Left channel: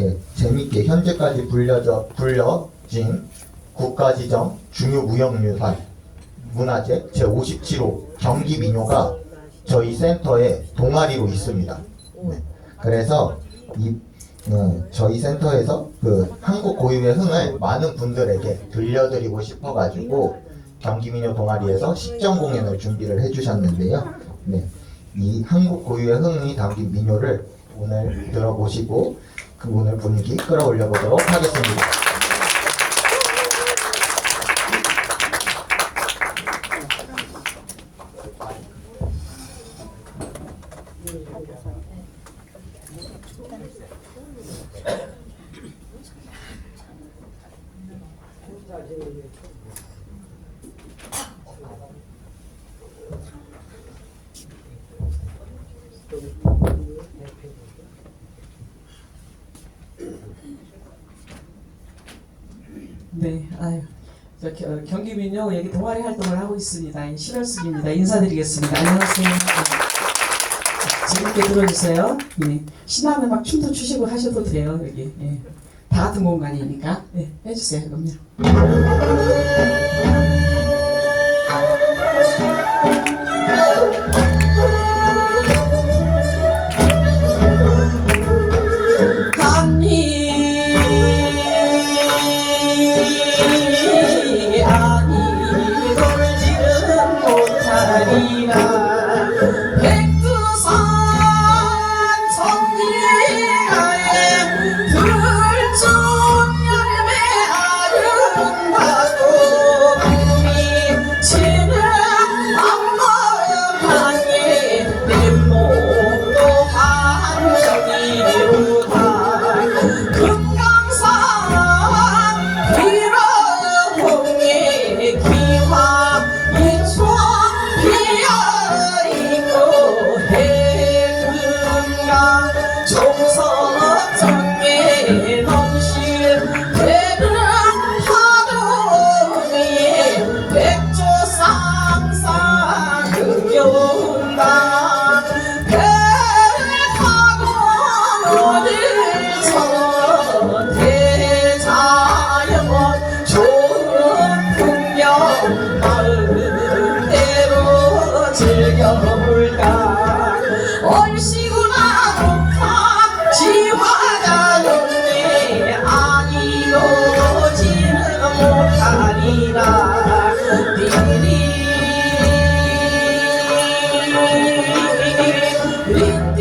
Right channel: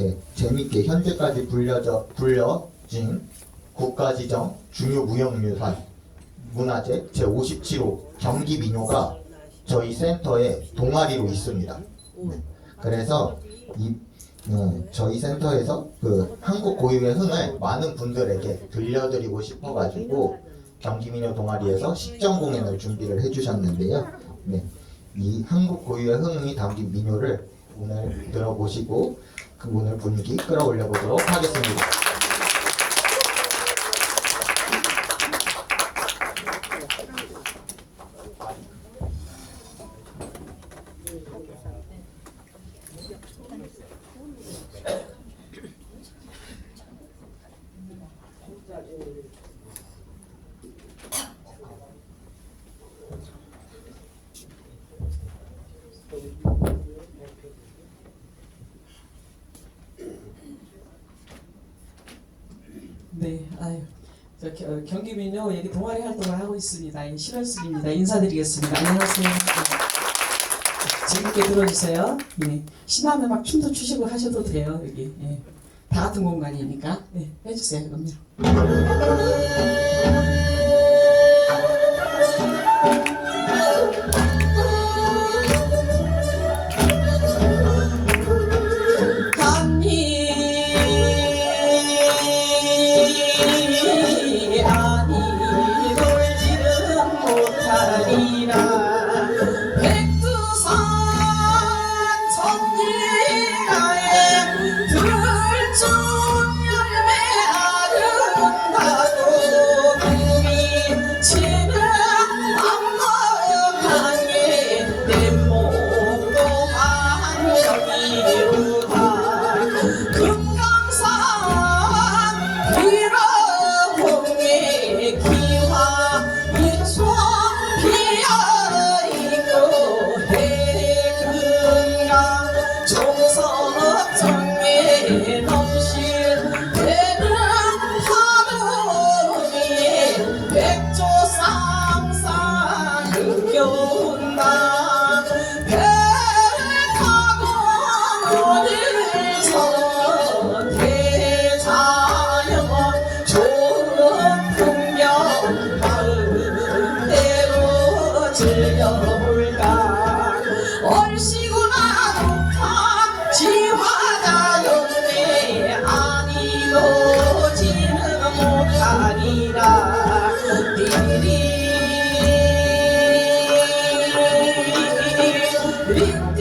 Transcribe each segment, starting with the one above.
이렇게 재밌게 현재까지 불려져 불려진 국가지정 중요무형유산 문화재 제57호 경기민요가 저희 센터에 동아리로 있습니다. 네. 그래서 이 네, 저희 센터에서 그 한국 고유의 흥을 많은 분들에게 들려드리고 싶어가지고 경기민요 동아리에서 식전 공연을 준비를 해주셨는데요. 네, 이 한국 고유의 흥이 담긴 민요를 오늘 들어보시고 그 오늘 분위기 끌어올려 보도록 하겠습니다. 네, 아유, 어, 경기민요 여기 동아리 활동을 하고 있습니다. 이 실현숙입니다. 인사드리겠습니다. 안녕하세요. 네. 재밌게 들어주세요. 네. 신나는 막 춤도 추시고 하셔도 돼요. 여기 예. 다 같은 공간이니까 네, 해주세요. 그럼요. 종 you.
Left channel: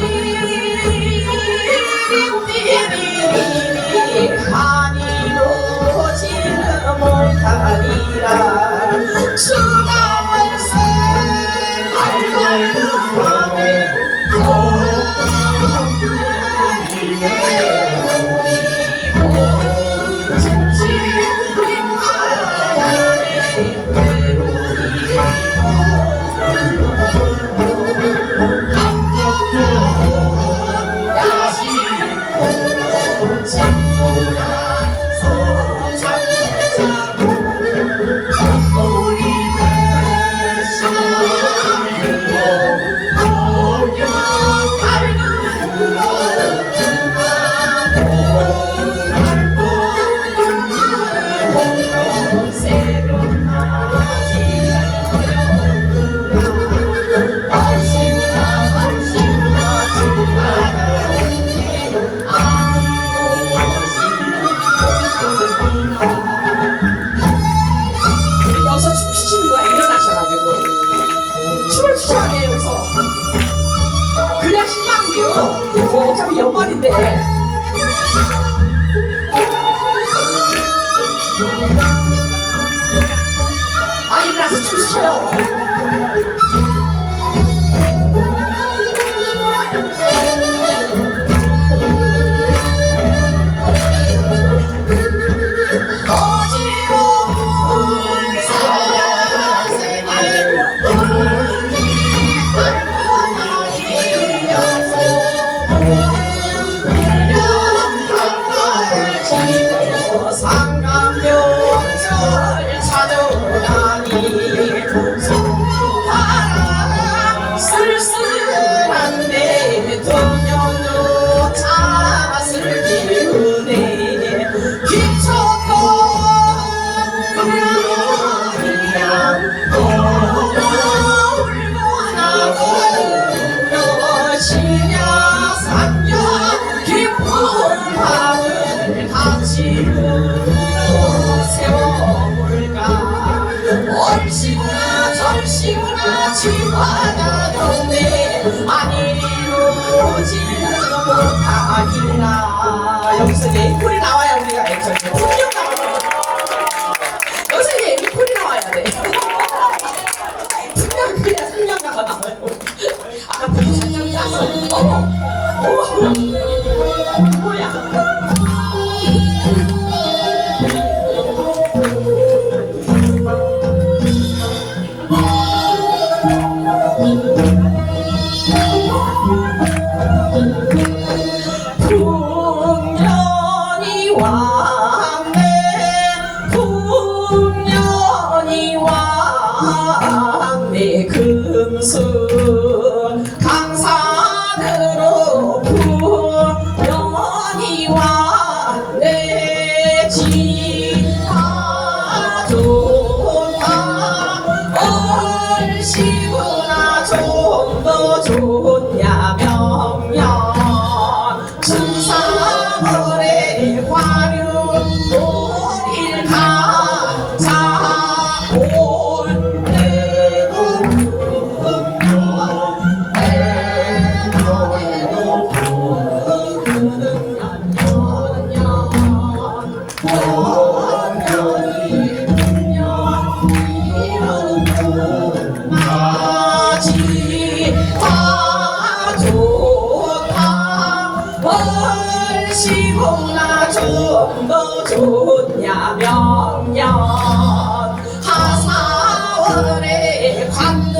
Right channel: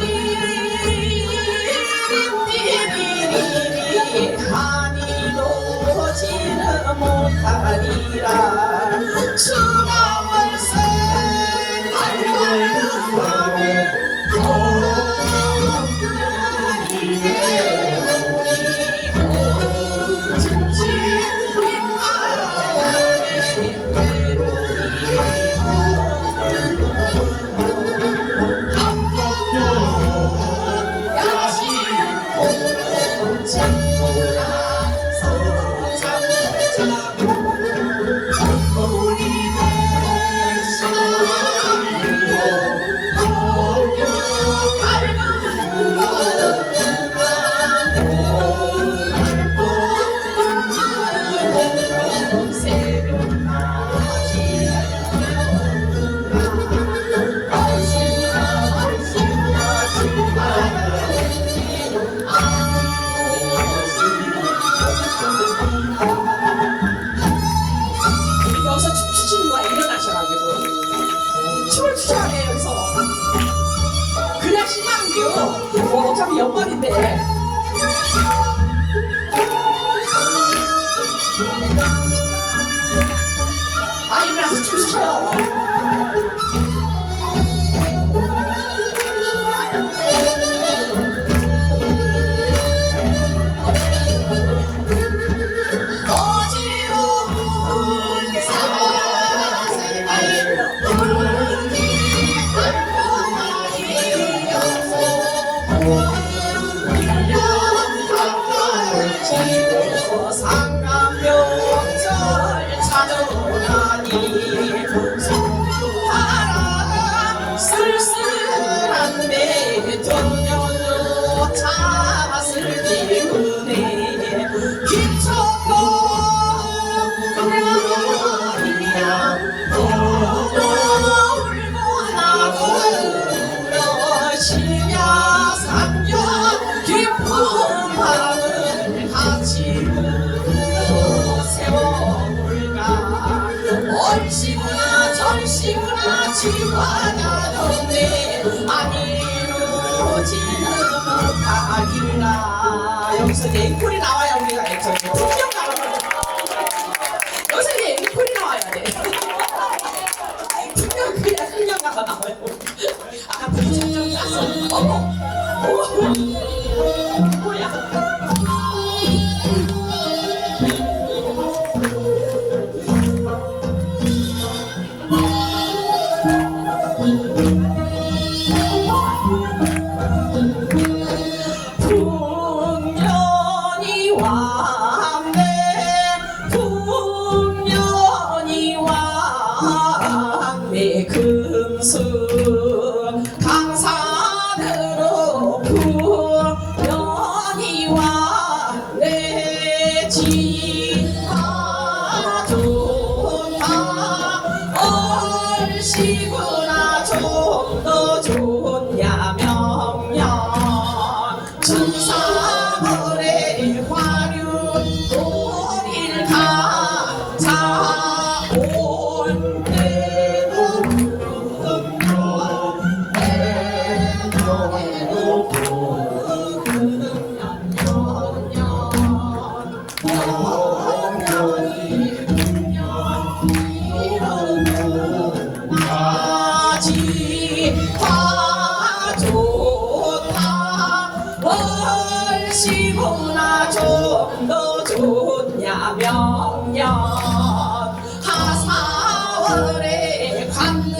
어, 어차피 연말인데. 아 일어나서 춤 추셔요 시공나 좀더 뭐 좋냐 몇년 하사월의 관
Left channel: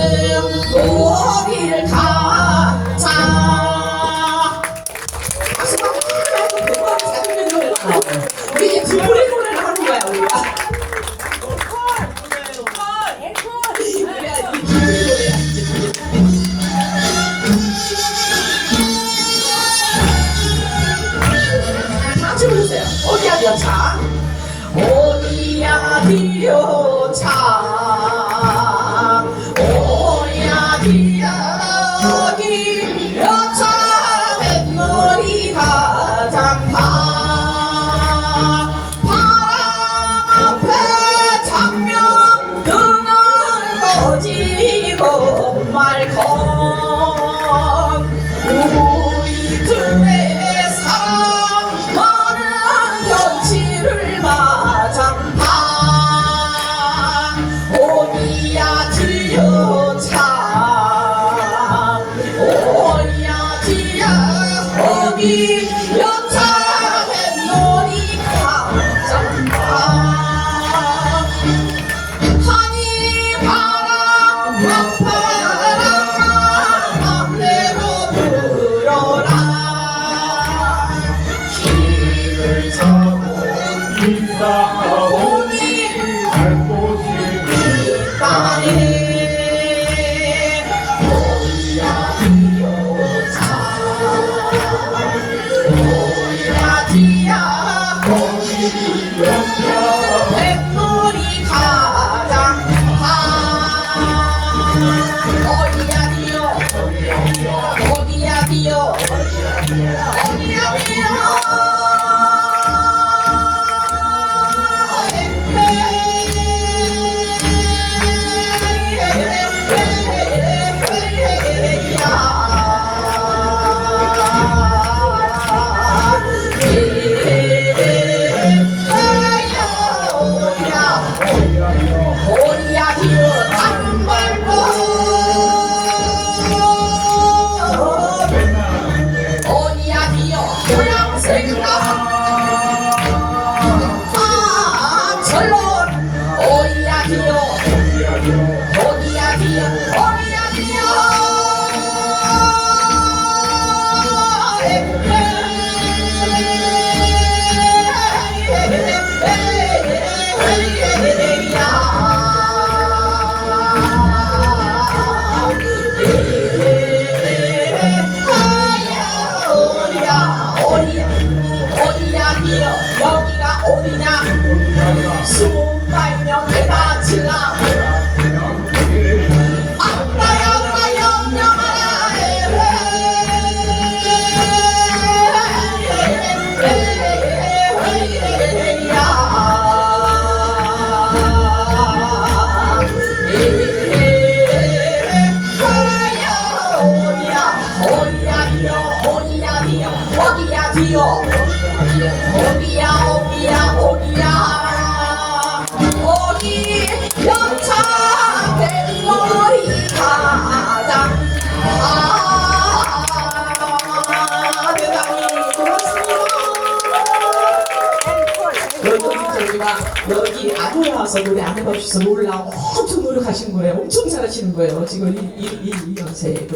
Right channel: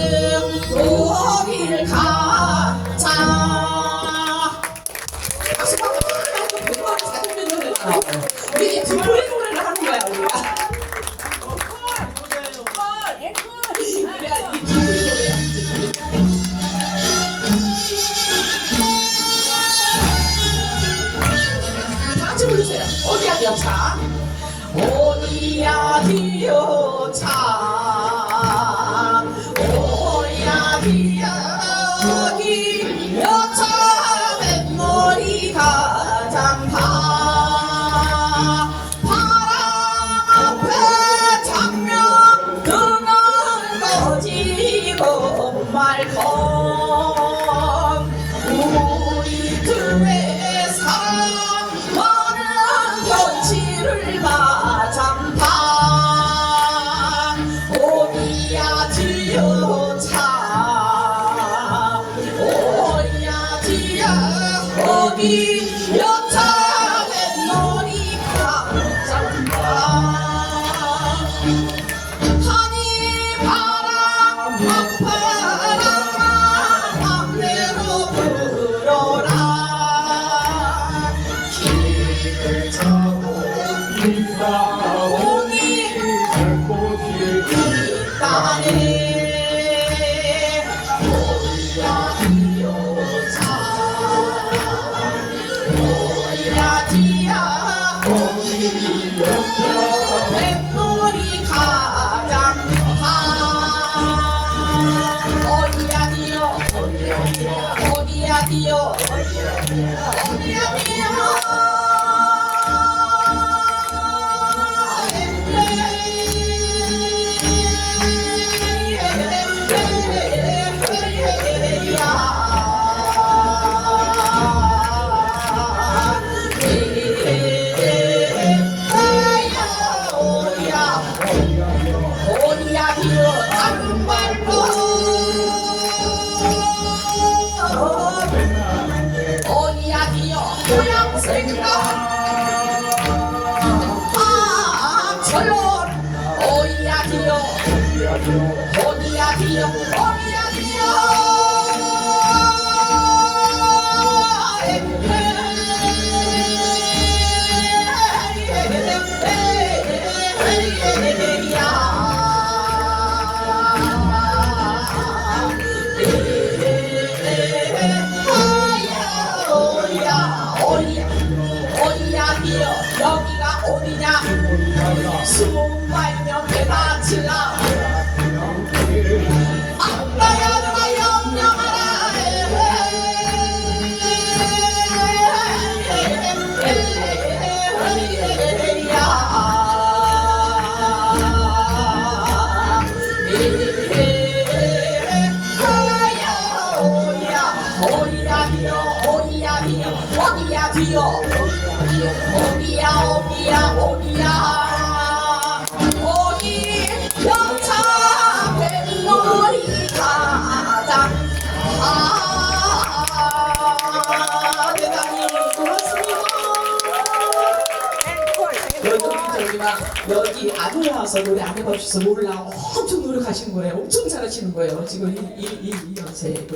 노래 안 해봐주셔서 몰라 엄청 노력하신 거예요 엄청 잘하시는 거예요 지금 이 이 이 이, 이 연세로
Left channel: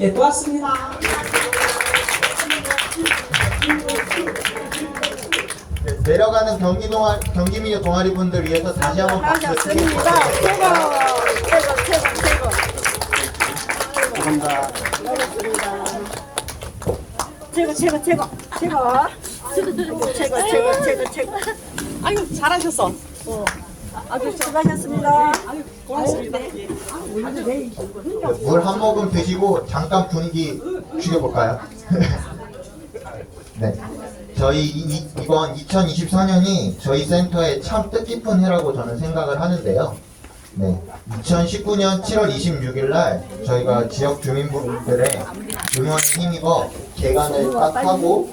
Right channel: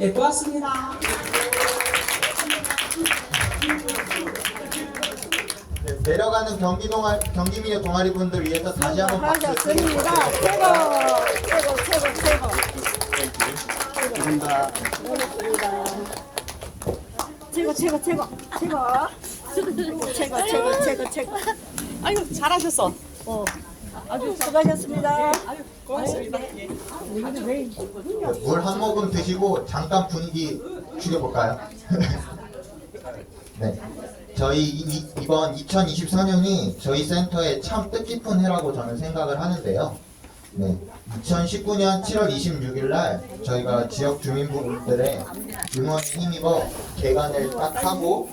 예 고맙습니다 네, 내려가는 경기 동아 경기민요 동아리 분들 위해서 다시 한번 박수 반갑습니다. 최고, 최고, 최고, 최고. 고맙습니다. 최고, 최고, 최고, 최고. 최고, 최고, 최고, 최고. 아유 잘하셨어. 아주 수고하셨습니다. 고맙습니다. 물 한 모금 드시고 잠깐 분위기 죽여볼까요? 네. 저희 이, 이번 2024년이 저희 센터의 참 뜻깊은 해라고 저는 생각을 하는데요. 네. 2019년 7월 26일 날 저희가 지역 주민분들의 응원에 힘입어 개관을 딱 하고